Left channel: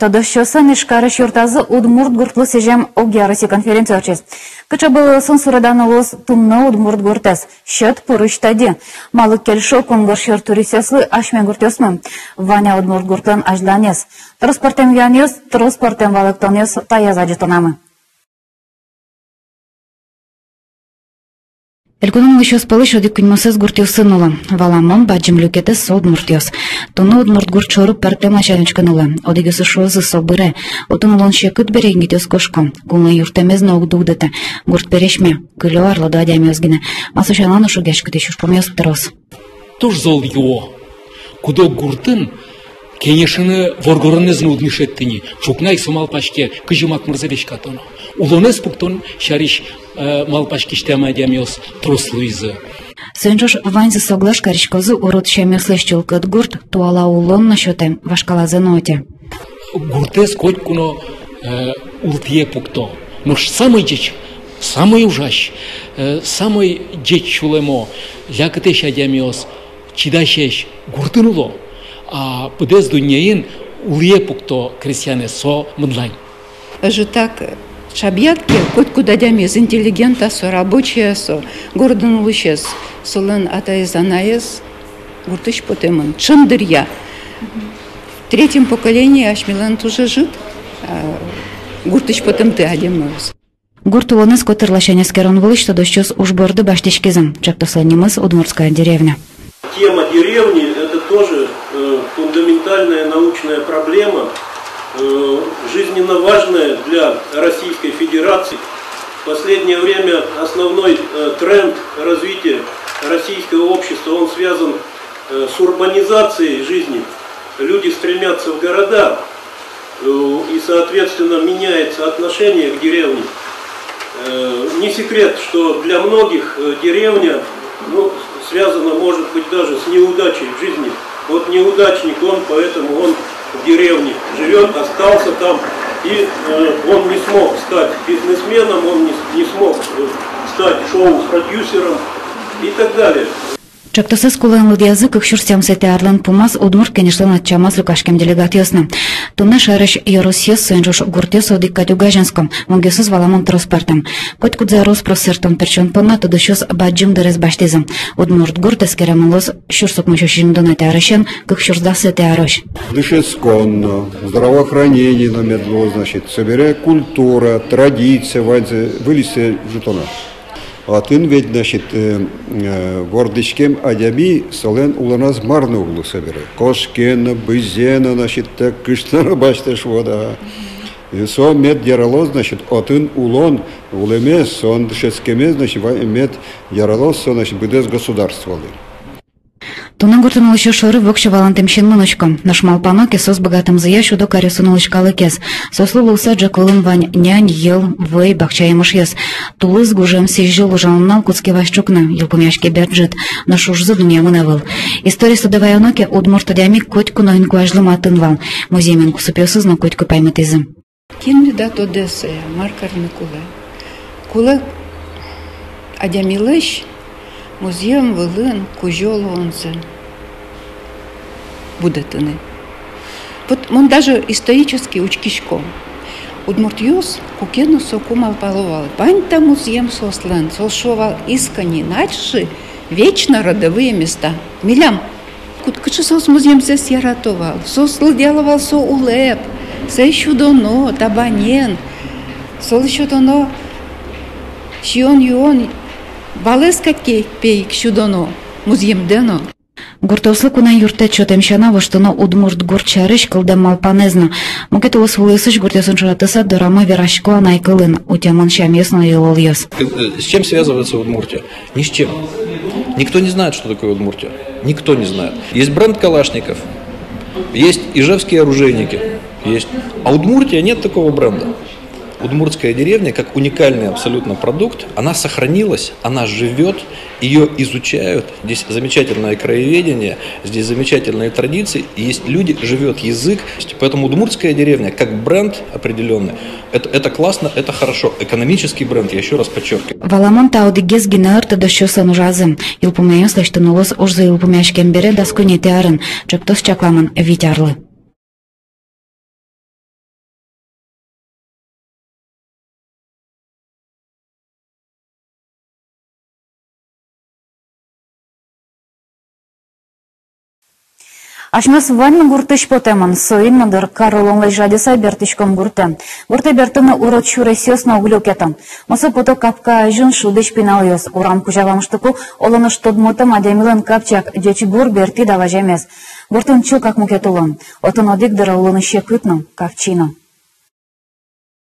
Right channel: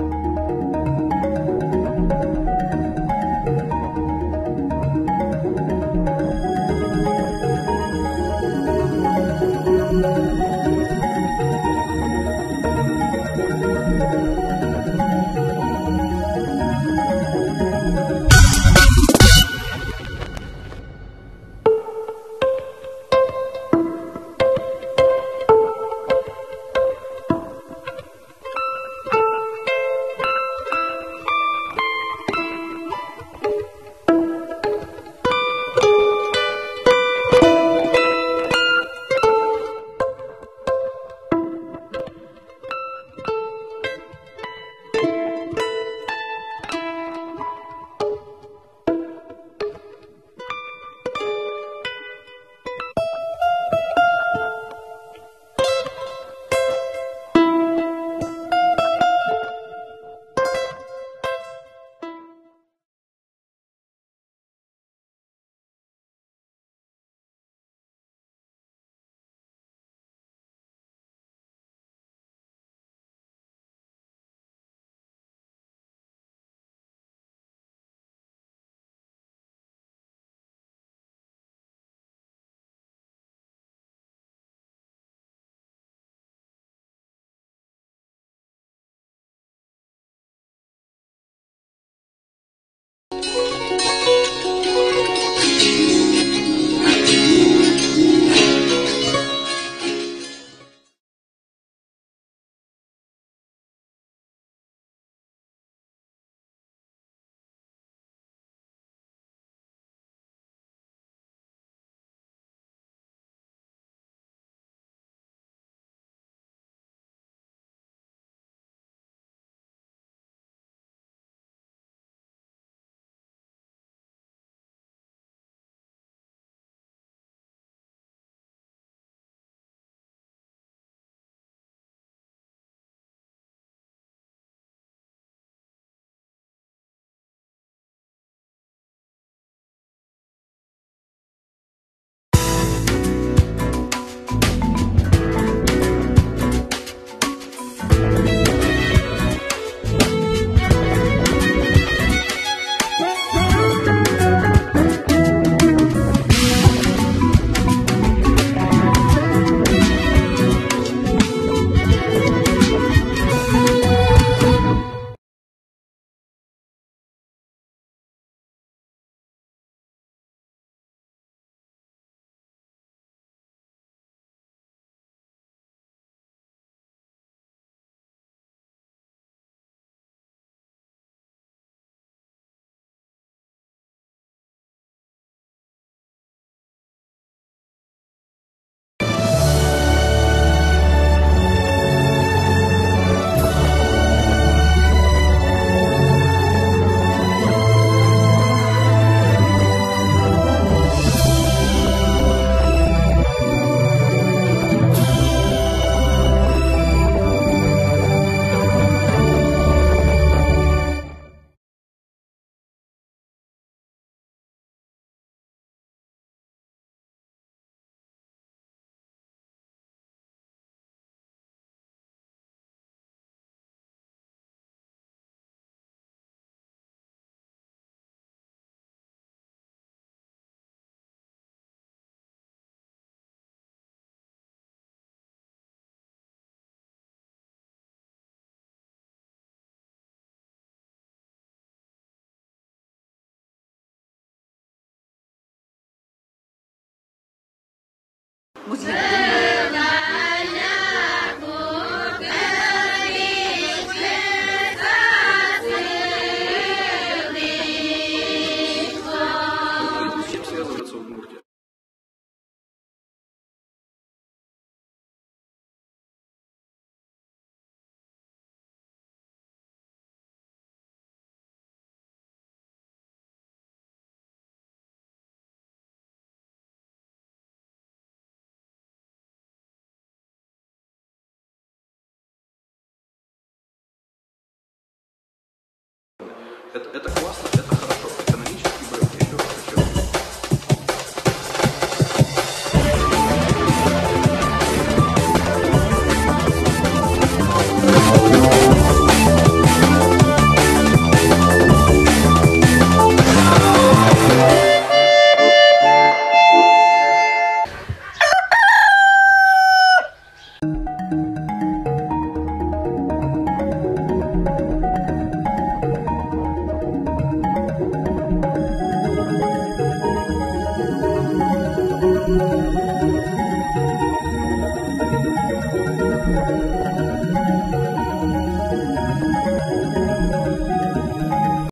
Тодощосан ишкарыш юртазы Удмурт гуртлы сежем огярыси конференция очест. Кычабы сынсурадан олос тумна Удмурт гуртас. Счет пурыштади. Малык кельшо конгош юртурисеслы ашмен гуртёсным. Ваня Удмурт гуртлан ажданес. Транспортем янес, транспортем валыктонес таязади тонамы. Элькунун еще спалыш оди куньмосез гуртёсы нула. Валамон баджим люкетес сод муртёс. Туну Удмурт гурт шору пертем начальничка нула. Одигесы шозы собыре. Отун лон шекут берегнитёс кошком. Кулна юртемез ног дугдата. Гурт перешме. Кылё арло да адямёзгине. Масушалану шугешкати шушпомёс трос. Туж зол его. Кудо гуртын кенешini воргорыныз нуднишеттини. Чукнай сумал пашке кыжымак мырзавеш катоно. Улонез пуктон шариш малпашкиште амадямёс трослуизы. Сенжош ваньзы соглаш каришкозы урод шемёслеш чулкат гурт туала улон насчёте вашкалазы ноте. Гуртез котькуно ултие пукто. Но самый деч, самый ужащ, самый деч чулемо, лякатеш адямёс, чидашеш гуртынуло. А подез дуньяин улие пукто крестьяне со мыдлань. Же так шабьятки, хоть куда дямес, интеллигента со, рабочие со, гордон лучес, солен атаизанаес, гуртыш потемон, шандырья. В третьем поколении Ашмилан тоже жит, гуртыш потем ты адемос. Гурту онес котерлашенес керон вылыш, что дощёс уж борды баштичкизан, чертосонимас Удмуртская деревня. Тема деревни – это тоже фундаментальная научная проблема, жизненно важная для Российской Федерации. В последнее время основной тренд развития российского общества, он связан с урбанизацией жизни. Люди стремятся в города, и, соответственно, меняется отношение к деревне. Не секрет, что для многих деревня связано, может быть, даже с неудачей в жизни. Вот неудачник он, поэтому он в деревне живет, остался там, и он не смог стать бизнесменом, он не смог стать шоу-продюсером и так далее. Чактосыз куланлы язык кшурстям сете арлан пумас Удмурт конечно отчамас лукашкем делегатиосна. Тумна шарыш Еросьес сенжош гуртес оди катюгаженском, монгесыз валамон транспортом. Кот кудза роспросертом перчон пома тодощос баджим дерез баштизм. Удмурт гуртес керанулос шурсок мушушим донате арышен, кшурсда сете арыш. Дышеском, здравоохранение номер 2, значит, собирая культура, традиция, вылезти жутона. А тын ведь, значит, гордычкем адяби солен уланаз марны углу собирает. Кошкена, бызена, значит, так кыштана башташ вода. И сон мед яралоз, значит, отын улон, улемес, сон дышескемес, значит, мед яралоз, значит, быдес государствовали. Тунан гуртуну еще шоры вокша валантем щенлуночком. Наш малпано кесос богатым заящу до каресунулочкалы кес. Сословил саджа колын вань нянь ел вэй бахчаем ишьес. Тулыз гужем сижил ужалнал куцки ващукнан, елпомяшке берджит. Наш уж за дуня выневал. История садовая уноки Удмурт одями котьку нойнку ажлым атынвал. Музеймен кусупиосыз но котьку памятизм. Кин дат Одесса, Маркар Микуле. Куле адямилыш музеем вылын кужолу онзен. Будетыны. Вот он даже исторически учкишком. Удмуртьёс кукену соку малпаловал. Пань-то музеем сослен, солшовал искани, начши вечно родовые места. Милям, кучу сос музеем здесь яратовал, сосл деловал со улеп, се еще доно, табанен, сол еще доно, щион юон, балеска пейк щудоно, музеем дено. Гуртослы куна юрта чотем шанава, что на Удмурт гурчарыш кылда малпанезна. Мукетулос вулысыш гуртесын шуратыса дорама верашко найкылын, утяман шамесно и ловьёс. С чем связывается Удмуртия? Ни с чем. Никто не знает, что такое Удмуртия. Никто не знает. Есть бренд Калашников, есть ижевские оружейники, есть. А Удмуртия нет такого бренда. Удмуртская деревня, как уникальный абсолютно продукт, она сохранилась, она живет, ее изучают. Здесь замечательное краеведение, здесь замечательные традиции, есть люди, живет язык. Поэтому удмуртская деревня, как бренд определенный, это классно, это хорошо. Экономический бренд, я еще раз подчеркиваю. Валамон таудигез гинарта дощосан жазым. Илпумаяс лишь новос ожзы илпумяшкем бере даску не теарен. Чоптос чакламан витярлы. Ашмас ванны гуртыш потеман, соин мандыр Карлон лежади сайбертичком гуртен. Гурте бертыны урод шуре сёсна углёкетам. Моса пото капка жун шудыш пиналыёс. Урам кужавамыштыку олоныш тодмотам адемилан капчак дечи гур берти даважемес. Гуртын чил как мукетулан. Отын одик дыра улыны щекытно, капчино.